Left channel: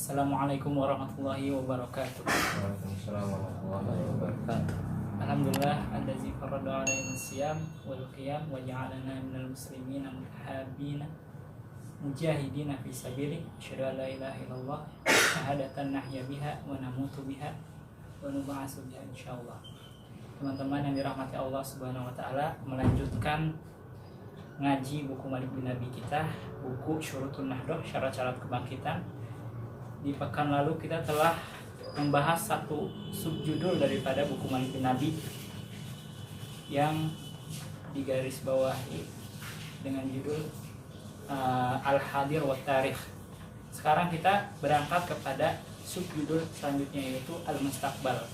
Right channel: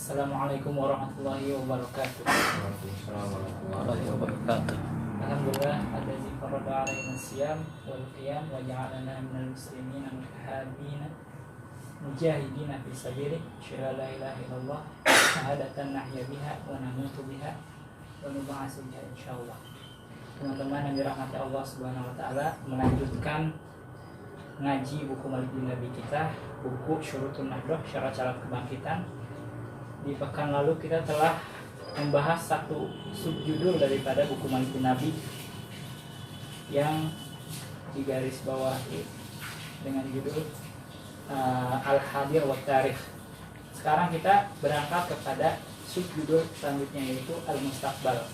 Assalamualaikum warahmatullahi wabarakatuh. Waalaikumsalam warahmatullahi wabarakatuh. Alhamdulillah allazi farada alaina siyam wal qiyam wa ja'alana minal muslimin mutahabina mujahidina fi sabilihi asyhadu an la ilaha illallah syahadatan nahya biha wa namutu biha wa nub'atsu biha insyaallah. Teman-teman yang dirahmati Allah Subhanahu wa taala, melanjutkan ngaji buku Malik bin Nabi kita, buku Syurutun Nahdoh, syarat-syarat kebangkitan. Di pekan lalu kita telah membahas satu subjudul daripada buku Malik bin Nabi yang digaris bawahi dengan judul Al-Hadir wa Tarikh. Sekarang kita berangkat kepada subjudul selanjutnya, yaitu Al-Mustaqbal.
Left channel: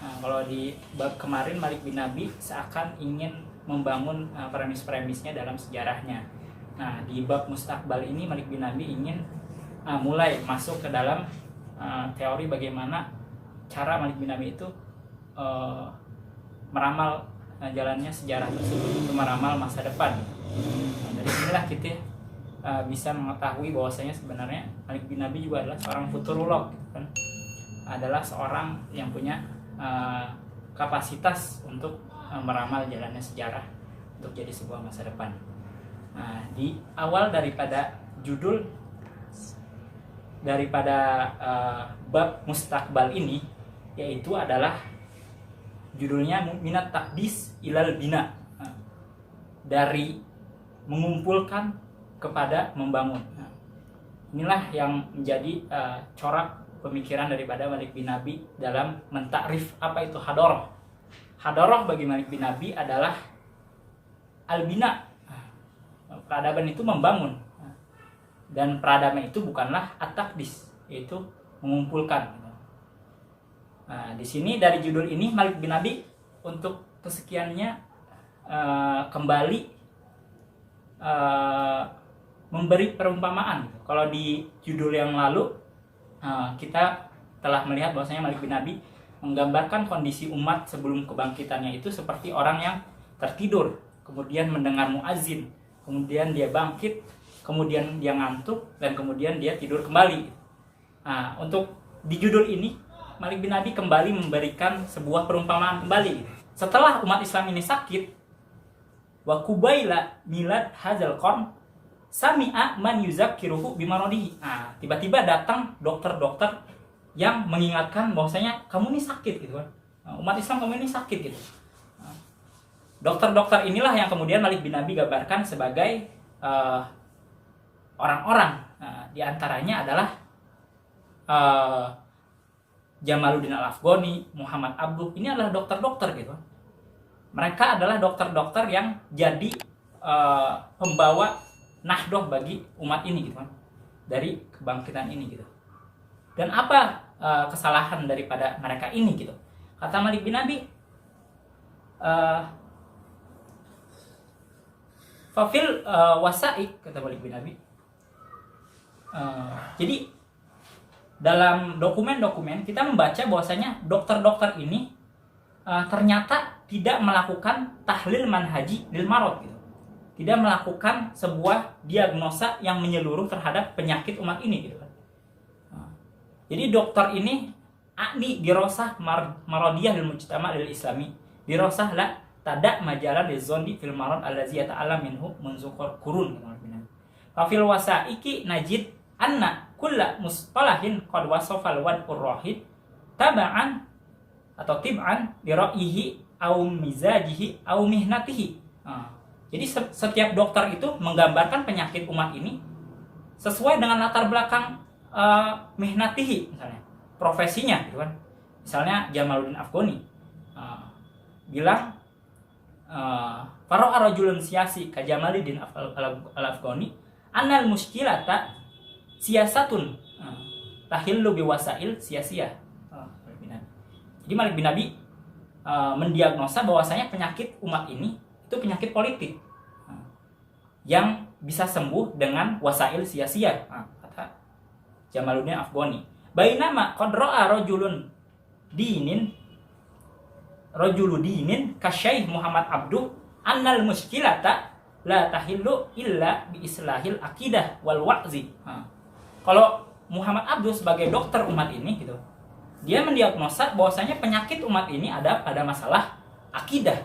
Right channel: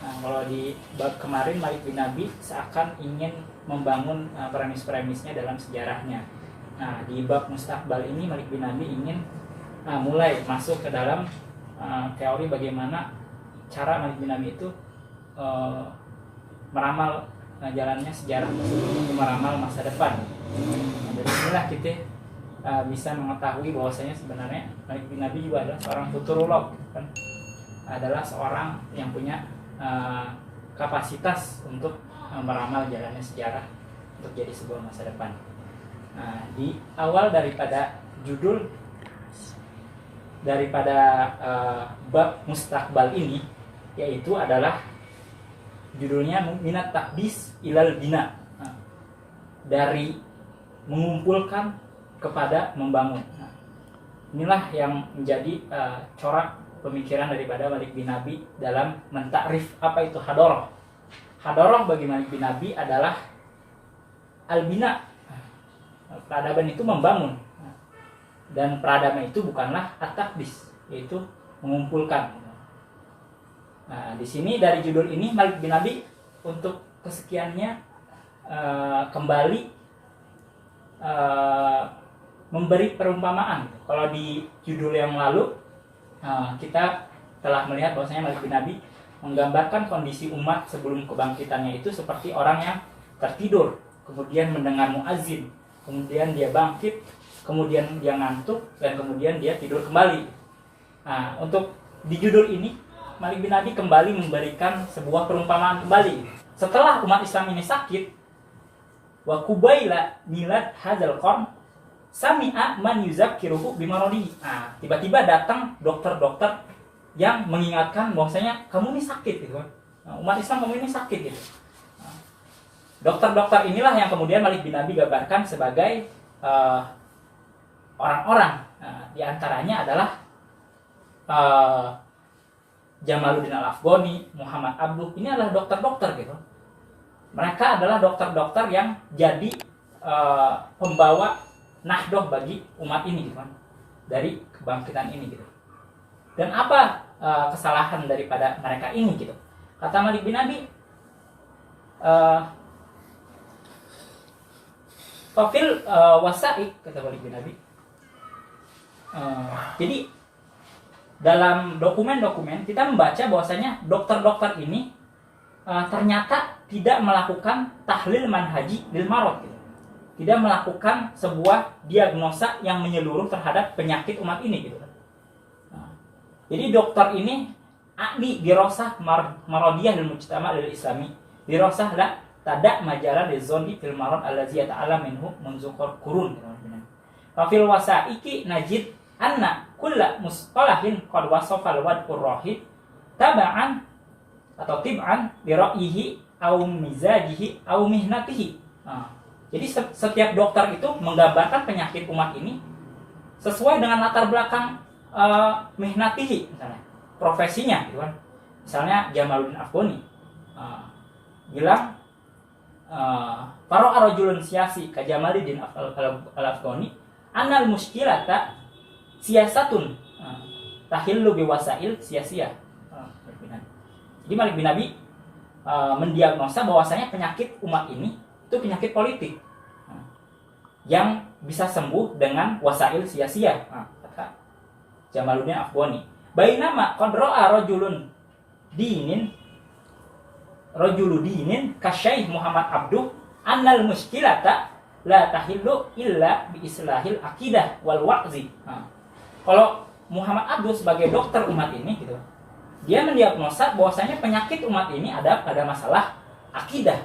Nah, kalau di bab kemarin Malik bin Nabi seakan ingin membangun premis-premisnya dalam sejarahnya. Nah, di bab Mustaqbal ini Malik bin Nabi ingin mulai masuk ke dalam teori bagaimana cara Malik bin Nabi itu meramal jalannya sejarah tersebut, meramal masa depan. Nah, dari sinilah kita bisa mengetahui bahwasanya sebenarnya Malik bin Nabi juga adalah seorang futurolog, kan? Adalah seorang yang punya kapasitas untuk meramal jalannya sejarah untuk jadi sebuah masa depan. Nah, di awal daripada judul daripada bab Mustaqbal ini, yaitu adalah judulnya Minat Takdis Ilal Bina, dari mengumpulkan kepada membangun. Nah, inilah yang menjadi corak pemikiran daripada Malik bin Nabi dalam mentakrif apa itu hadoroh. Hadoroh bagi Malik bin Nabi adalah al-bina. Peradaban itu membangun. Dan peradaban itu bukanlah at-takdis, yaitu mengumpulkan. Nah, di sini dari judul ini Malik bin Nabi untuk kesekiannya kembali memberi perumpamaan. Kalau di judul yang lalu kita telah melihat bahwasanya Malik bin Nabi menggambarkan kondisi umat sebelum kebangkitannya itu seperti orang yang tertidur, kemudian mendengar muazin, kemudian dia bangkit, kemudian dia ngantuk, dan kemudian dia tidur kembali. Nah, untuk di judul ini Malik bin Nabi kembali memberikan sebuah perumpamaan kembali. Setelah umat Islam ini sakit, wa kubaila milad hadzal qarn sami'a man yuzakkiruhu bimaradihi. Nah, tiba-tiba datang dokter-dokter yang mengingatkan bahwasanya kamu ini sakit gitu kan. Nah, umat Islam kamu ini sakit gitu. Nah, dokter-dokter inilah yang kemudian Malik bin Nabi gambarkan sebagai orang-orang. Nah, di antaranya adalah Jamaluddin Al-Afghani, Muhammad Abduh. Ini adalah dokter-dokter gitu. Mereka adalah dokter-dokter yang jadi pembawa nahdoh bagi umat ini gitu kan, dari kebangkitan ini gitu. Dan apa kesalahan daripada mereka ini gitu? Kata Malik bin Nabi, fafil wasaik, kata Malik bin Nabi. Jadi dalam dokumen-dokumen kita membaca bahwasanya dokter-dokter ini ternyata tidak melakukan tahlil manhaji lil marad gitu. Tidak melakukan sebuah diagnosa yang menyeluruh terhadap penyakit umat ini gitu. Jadi dokter ini ahli dirosah maradiyah lil mujtama' lil islami, dirosah la tada majalah lizondi fil marad allazi yata'ala minhu munzuqur qurun. Fa fil wasaiki najid anna kulla musqalahin qad wasafal wad'ur rahid taba'an atau tib'an li ra'yihi aw mizajihi aw mihnatihi. Jadi setiap dokter itu menggambarkan penyakit umat ini sesuai dengan latar belakang mihnatihi, misalnya profesinya gitu kan. Misalnya Jamaluddin Afghani bilang faro arajulun siasi ka Jamaluddin Al-Afghani annal muskilata siasatun tahillu biwasail sia-sia. Jadi Malik bin Nabi mendiagnosa bahwasanya penyakit umat ini itu penyakit politik yang bisa sembuh dengan wasail sia-sia, kata Jamaluddin Afghani. Bainama qad ra'a rajulu dinin kasyaih Muhammad Abduh annal muskilata la tahillu illa bi islahil aqidah wal wa'zi. Kalau Muhammad Abduh sebagai dokter umat ini gitu, dia mendiagnosa bahwasanya penyakit umat ini ada pada masalah akidah,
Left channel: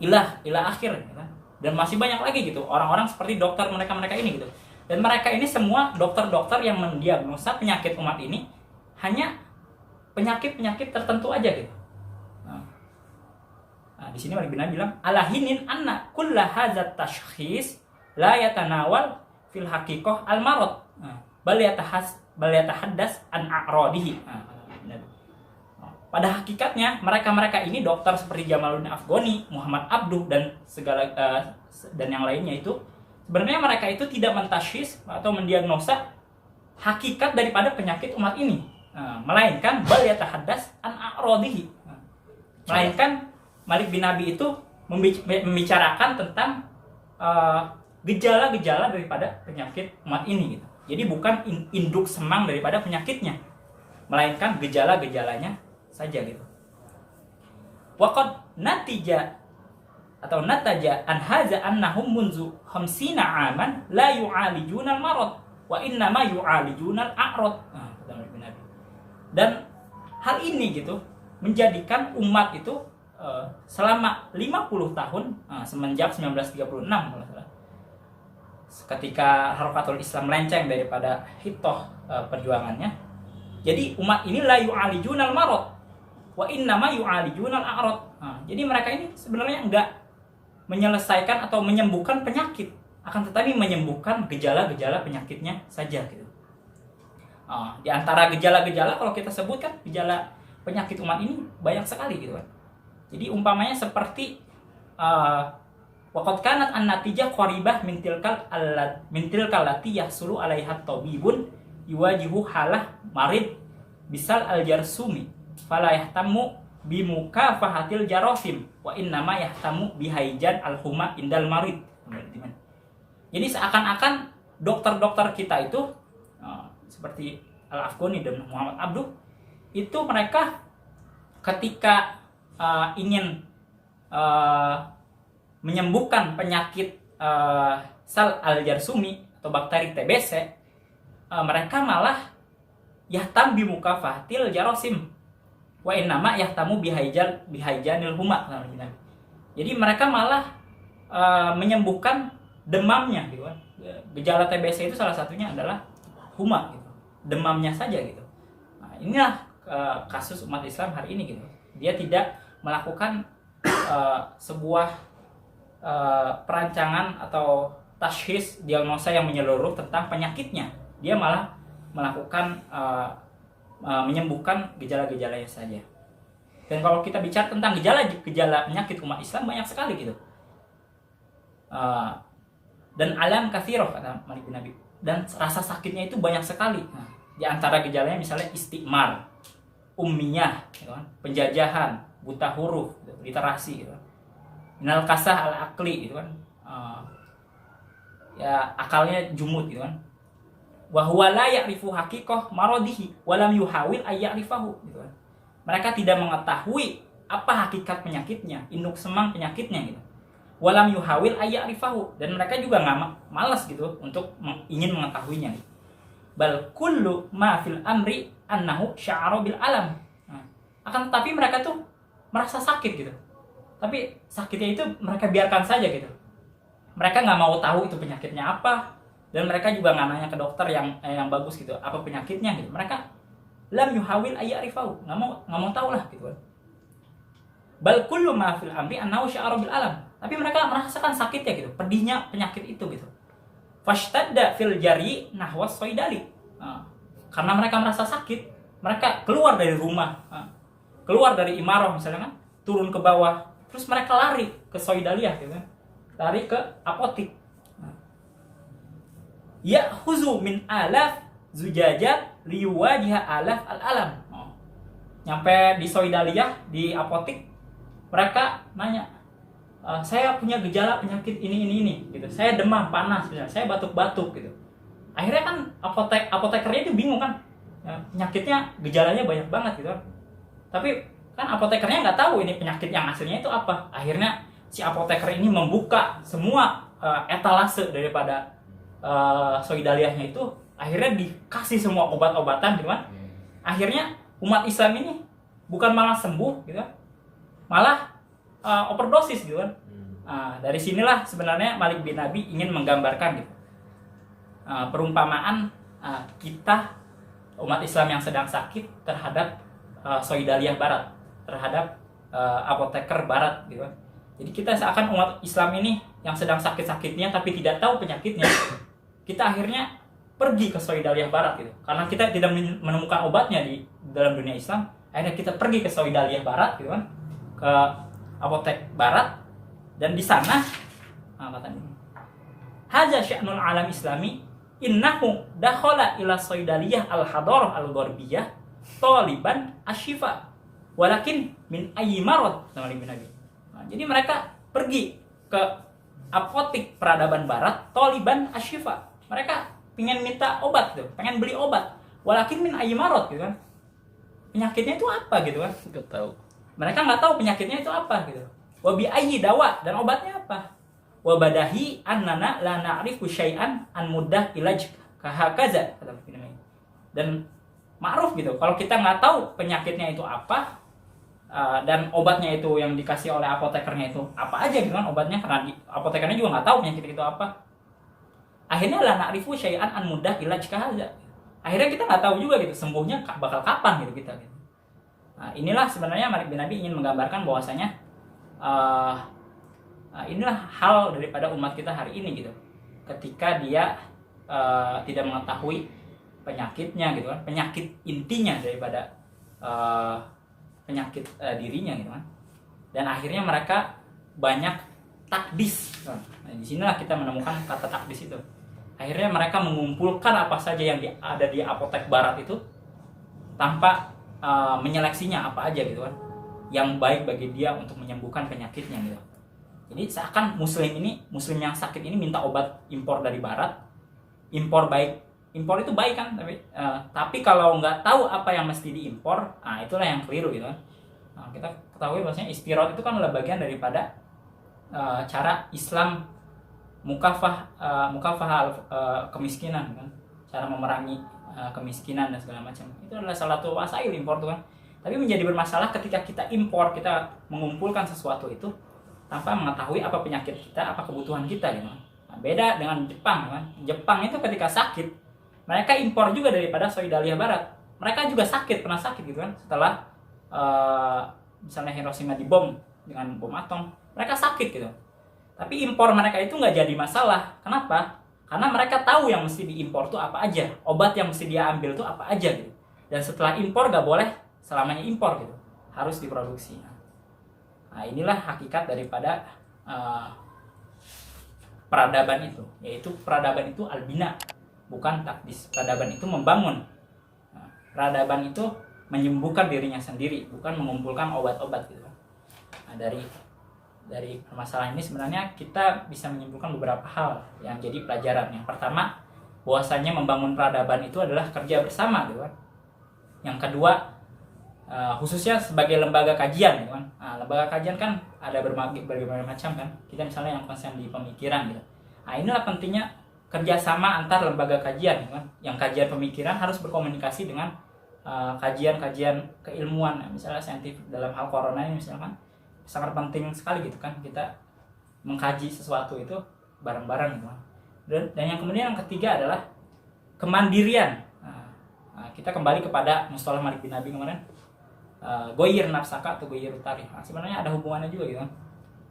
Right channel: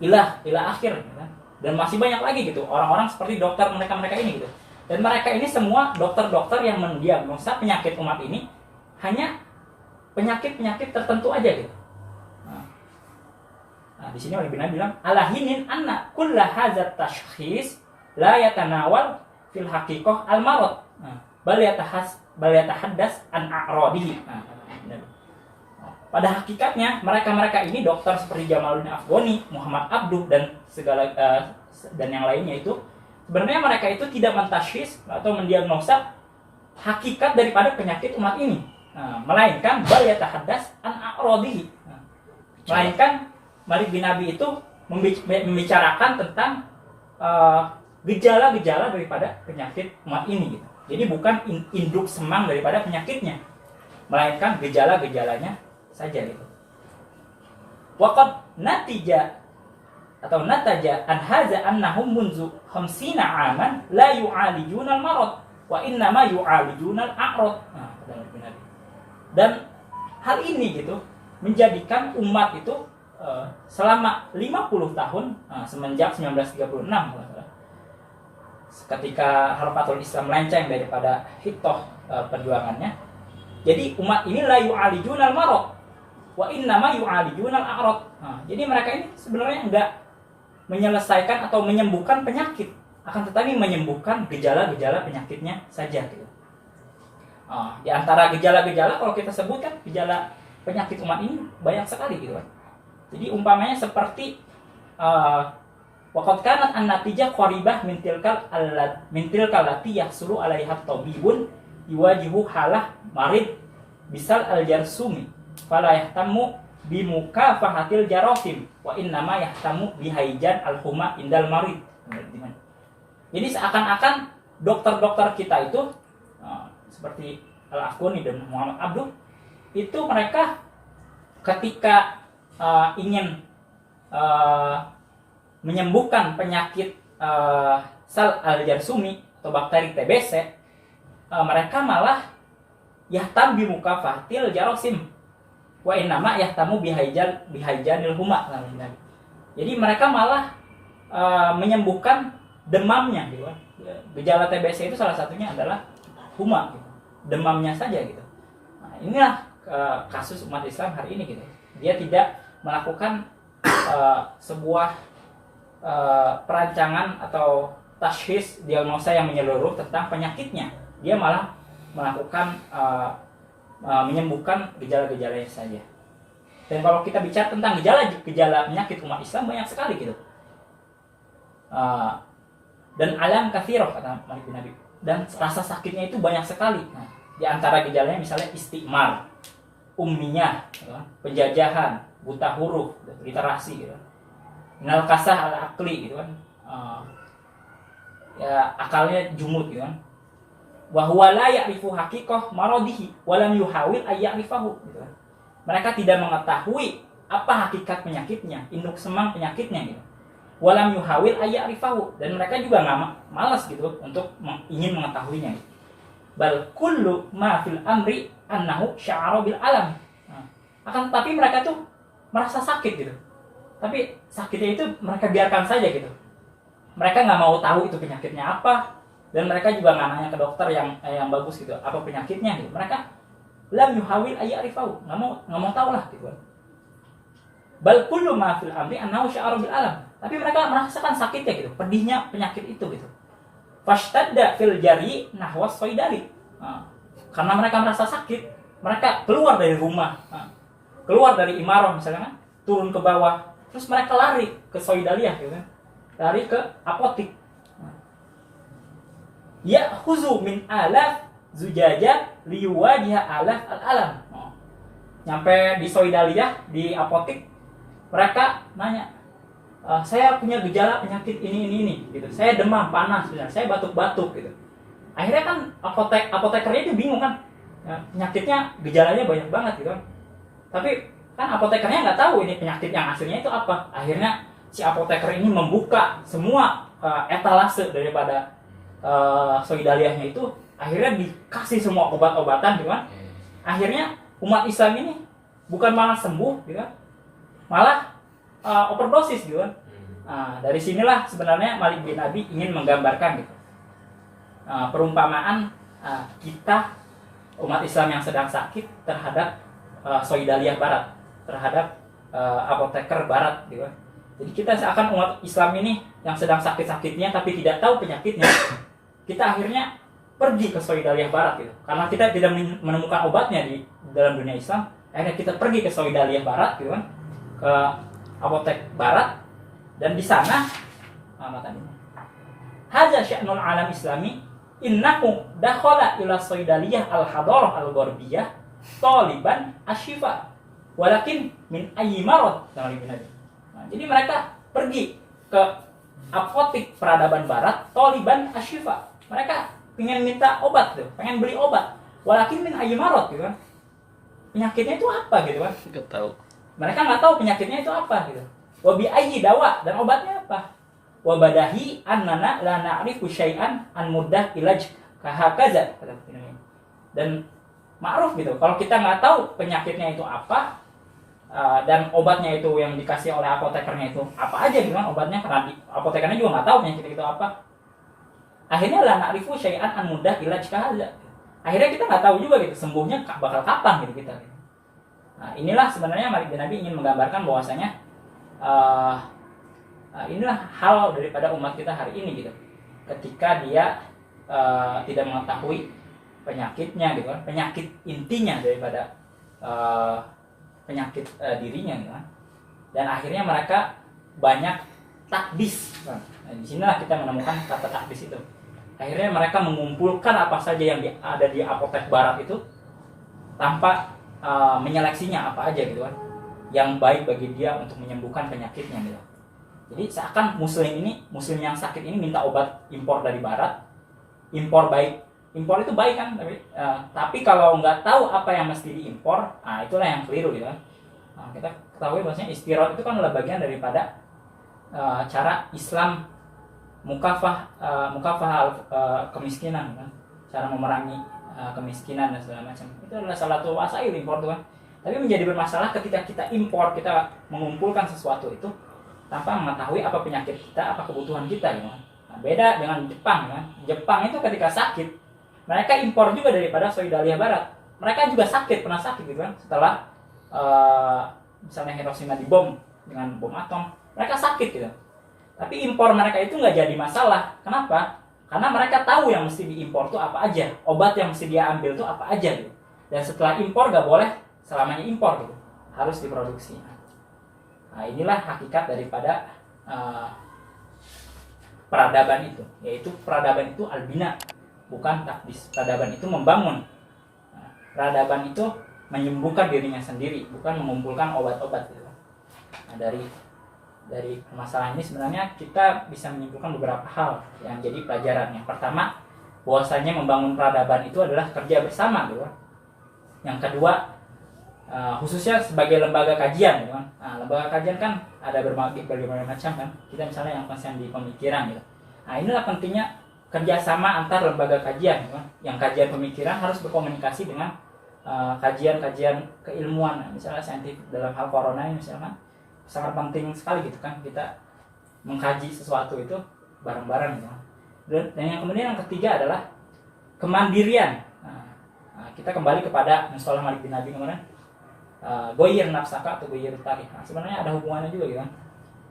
ilah akhir gitu kan. Dan masih banyak lagi gitu orang-orang seperti dokter mereka ini gitu. Dan mereka ini semua dokter-dokter yang mendiagnosa penyakit umat ini hanya penyakit-penyakit tertentu aja gitu. Nah, di sini Malik bin Nabi bilang alahinin anna kulla hadzat tashkhis la yatanawal fil haqiqah al marad. Bal yatahaddas an a'radihi. Pada hakikatnya mereka ini dokter seperti Jamaluddin Afghani, Muhammad Abduh dan segala dan yang lainnya itu sebenarnya mereka itu tidak mentashkhis atau mendiagnosa hakikat daripada penyakit umat ini, melainkan bal yatahaddas an a'radihi. Melainkan Malik bin Nabi itu membicarakan tentang gejala-gejala daripada penyakit umat ini gitu. Jadi bukan induk semang daripada penyakitnya, melainkan gejala-gejalanya saja gitu. Waqad nataja an hadza annahum munzu 50 aman la yu'alijuna al-marad wa innama yu'alijuna al-a'rad. Dan hal ini gitu menjadikan umat itu selama 50 tahun semenjak 1936 ketika Harakatul Islam melenceng daripada hitoh perjuangannya. Jadi umat ini la yu'alijuna al-marad wa innama yu'alijuna al-a'rad. Jadi mereka ini sebenarnya enggak menyelesaikan atau menyembuhkan penyakit, akan tetapi menyembuhkan gejala-gejala penyakitnya saja gitu. Di antara gejala-gejala kalau kita sebutkan gejala penyakit umat ini banyak sekali gitu kan. Jadi umpamanya seperti waqad kanat an-natijah qaribah min tilkal lati yahsulu 'alaiha tabibun yuwajihu halah marid bisal al-jarsumi fala yahtamu bi mukafahatil jarasim wa innama yahtamu bi haijan al-huma indal marid. Jadi seakan-akan dokter-dokter kita itu seperti Al-Afghani dan Muhammad Abduh itu mereka ketika ingin menyembuhkan penyakit sal al-jarsumi atau bakteri TBC, mereka malah yahtam bi mukafahatil jarasim wa innama yahtamu bihaijanil huma. Jadi mereka malah menyembuhkan demamnya gitu kan. Gejala TBC itu salah satunya adalah huma gitu. Demamnya saja gitu. Nah, inilah kasus umat Islam hari ini gitu. Dia tidak melakukan sebuah perancangan atau tashkhis diagnosa yang menyeluruh tentang penyakitnya. Dia malah melakukan menyembuhkan gejala-gejalanya saja. Dan kalau kita bicara tentang gejala penyakit umat Islam banyak sekali gitu. Dan alam katsiroh kata Malik bin Nabi. Dan rasa sakitnya itu banyak sekali. Di antara gejalanya misalnya istigmar, ummiyah, penjajahan, buta huruf, literasi gitu. Minal kasah al-aqli gitu kan. Ya akalnya jumud gitu kan. Wa huwa la ya'rifu haqiqah maradihi wa lam yuhawil ay ya'rifahu gitu kan. Mereka tidak mengetahui apa hakikat penyakitnya, induk semang penyakitnya gitu. Wa lam yuhawil ay ya'rifahu, dan mereka juga enggak malas gitu untuk ingin mengetahuinya gitu. Bal kullu ma fil amri annahu sya'ara bil alam. Akan tetapi mereka tuh merasa sakit gitu. Tapi sakitnya itu mereka biarkan saja gitu. Mereka nggak mau tahu itu penyakitnya apa, dan mereka juga nggak nanya ke dokter yang bagus gitu apa penyakitnya gitu. Mereka lam yuhawil ayyarifahu, nggak mau tahu lah gitu. Bal kullu ma fil amri annahu sya'ara bil alam. Tapi mereka merasakan sakitnya gitu, pedihnya penyakit itu gitu. Fashtadda fil jari nahwa soidari. Karena mereka merasa sakit, mereka keluar dari rumah, keluar dari imarah misalnya, turun ke bawah, terus mereka lari ke soidaliyah gitu kan, lari ke apotik. Ya khuzu min alaf zujajat liwajiha alaf al-alam. Nyampe di soidaliyah, di apotik, mereka nanya, saya punya gejala penyakit ini gitu. Saya demam panas, saya batuk-batuk gitu. Akhirnya kan apotekernya itu bingung kan, penyakitnya gejalanya banyak banget gitu kan. Tapi kan apotekernya nggak tahu ini penyakit yang aslinya itu apa. Akhirnya si apoteker ini membuka semua etalase daripada soidaliyahnya itu, akhirnya dikasih semua obat-obatan gitu kan. Akhirnya umat Islam ini bukan malah sembuh gitu kan, malah overdosis gitu kan. Dari sinilah sebenarnya Malik bin Abi ingin menggambarkan gitu, perumpamaan kita umat Islam yang sedang sakit terhadap Soidaliyah Barat, terhadap apoteker Barat gitu kan. Jadi kita seakan umat Islam ini yang sedang sakit-sakitnya tapi tidak tahu penyakitnya, kita akhirnya pergi ke Soidaliyah Barat gitu. Karena kita tidak menemukan obatnya di dalam dunia Islam, akhirnya kita pergi ke Soidaliyah Barat gitu kan, ke apotek Barat, dan di sana hadza sya'nul alam islami innahu dakhala ila Soidaliyah al-hadarah al-gharbiyah taliban asyifa walakin min ayyi marad. Jadi mereka pergi ke apotik peradaban barat taliban asyifa. Mereka pengen minta obat tuh, pengen beli obat. Walakin min ayyi marad gitu kan. Penyakitnya itu apa gitu kan? Enggak tahu. Mereka nggak tahu penyakitnya itu apa gitu. Wa bi ayyi dawa, dan obatnya apa? Wa badahi annana la na'rifu syai'an an muddah ilaj kahakaza. Dan ma'ruf gitu. Kalau kita nggak tahu penyakitnya itu apa, dan obatnya itu yang dikasih oleh apotekernya itu apa aja gitu kan obatnya, karena apotekernya juga nggak tahu penyakit itu apa. Akhirnya la na'rifu syai'an an muddah ilaj kahakaza. Akhirnya kita nggak tahu juga gitu sembuhnya bakal kapan gitu kita. Nah, inilah sebenarnya Malik bin Abi ingin menggambarkan bahwasanya inilah hal daripada umat kita hari ini gitu. Ketika dia tidak mengetahui penyakitnya gitu kan, penyakit intinya daripada penyakit dirinya gitu kan. Dan akhirnya mereka banyak takdis kan. Nah, di sinilah kita menemukan kata takdis itu. Akhirnya mereka mengumpulkan apa saja yang ada di apotek barat itu tanpa menyeleksinya apa aja gitu kan, yang baik bagi dia untuk menyembuhkan penyakitnya gitu. Jadi seakan muslim yang sakit ini minta obat impor dari barat, impor itu baik kan, tapi kalau nggak tahu apa yang mesti diimpor, itulah yang keliru gitu kan. Kita ketahui bahwasanya istirot itu kan adalah bagian daripada cara Islam mukafah kemiskinan kan, cara memerangi kemiskinan dan segala macam. Itu adalah salah satu wasail impor tuh kan. Tapi menjadi bermasalah ketika kita impor, kita mengumpulkan sesuatu itu tanpa mengetahui apa penyakit kita, apa kebutuhan kita gitu kan. Nah, beda dengan Jepang kan. Jepang itu ketika sakit, mereka impor juga daripada Soidaliyah Barat. Mereka juga sakit, pernah sakit gitu kan. Setelah misalnya Hiroshima dibom dengan bom atom, mereka sakit gitu. Tapi impor mereka itu nggak jadi masalah. Kenapa? Karena mereka tahu yang mesti diimpor itu apa aja, obat yang mesti dia ambil itu apa aja gitu. Dan setelah impor nggak boleh selamanya impor gitu, harus diproduksi. Nah, inilah hakikat daripada peradaban itu, yaitu peradaban itu albina, bukan takdis. Peradaban itu membangun. Peradaban itu menyembuhkan dirinya sendiri, bukan mengumpulkan obat-obat gitu. Nah, dari permasalahan ini sebenarnya kita bisa menyimpulkan beberapa hal yang jadi pelajaran. Yang pertama, bahwasanya membangun peradaban itu adalah kerja bersama gitu kan. Yang kedua, khususnya sebagai lembaga kajian gitu kan. Lembaga kajian kan ada berbagai macam kan. Kita misalnya yang konsen di pemikiran gitu. Inilah pentingnya kerjasama antar lembaga kajian gitu kan. Yang kajian pemikiran harus berkomunikasi dengan kajian-kajian keilmuan. Misalnya saintifik dalam hal corona ini misalkan sangat penting sekali gitu kan, kita mengkaji sesuatu itu bareng-bareng gitu. Dan yang kemudian yang ketiga adalah kemandirian. Kita kembali kepada mustalah Malik bin Abi kemarin, goyir nafsaka atau goyir tarikh. Sebenarnya ada hubungannya juga gitu kan.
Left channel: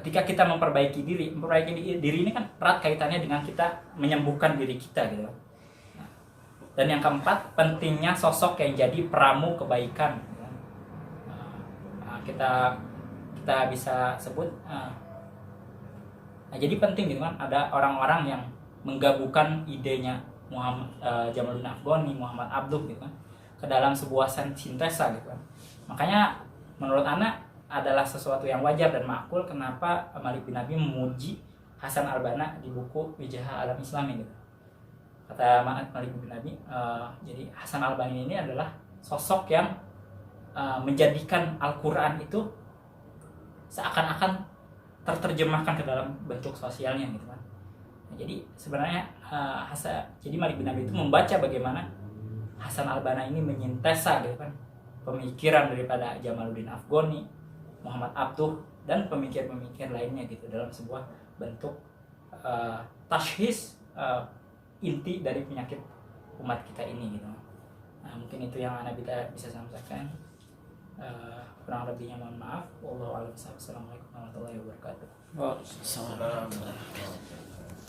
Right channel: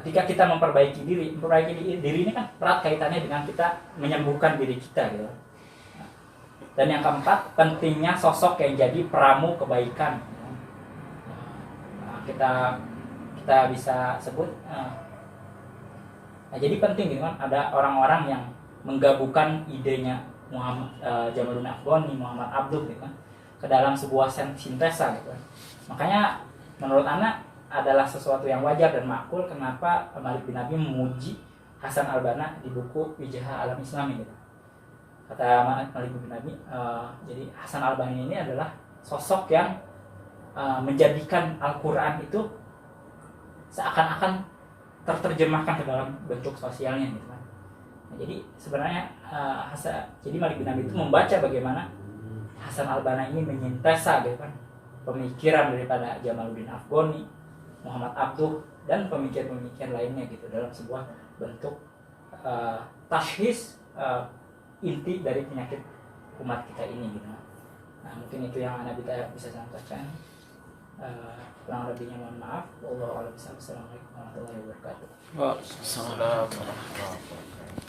Ketika kita memperbaiki diri ini kan erat kaitannya dengan kita menyembuhkan diri kita gitu. Dan yang keempat, pentingnya sosok yang jadi peramu kebaikan. Kita bisa sebut jadi penting gitu kan, ada orang-orang yang menggabungkan idenya Muhammad Jamaluddin Afghani, Muhammad Abduh gitu kan, ke dalam sebuah sintesa gitu kan. Makanya menurut anak adalah sesuatu yang wajar dan makul kenapa Malik bin Abi memuji Hasan al-Banna di buku Wijah Alam Islami gitu. Kata Malik bin Abi, jadi Hasan al-Banna ini adalah sosok yang menjadikan Al-Quran itu seakan-akan terjemahkan ke dalam bentuk sosialnya gitu kan. Nah, jadi sebenarnya jadi Malik bin Abi itu membaca bagaimana Hasan al-Banna ini menyintesa gitu kan pemikiran daripada Jamaluddin Afghani, Muhammad Abduh dan pemikir-pemikir lainnya gitu dalam sebuah bentuk tashkhis inti dari penyakit umat kita ini gitu. Nah mungkin itu yang Anda bisa sampaikan. Kurang lebihnya mohon maaf. Wallahu a'lam bishawab. Assalamualaikum warahmatullahi wabarakatuh. Waalaikumsalam warahmatullahi wabarakatuh.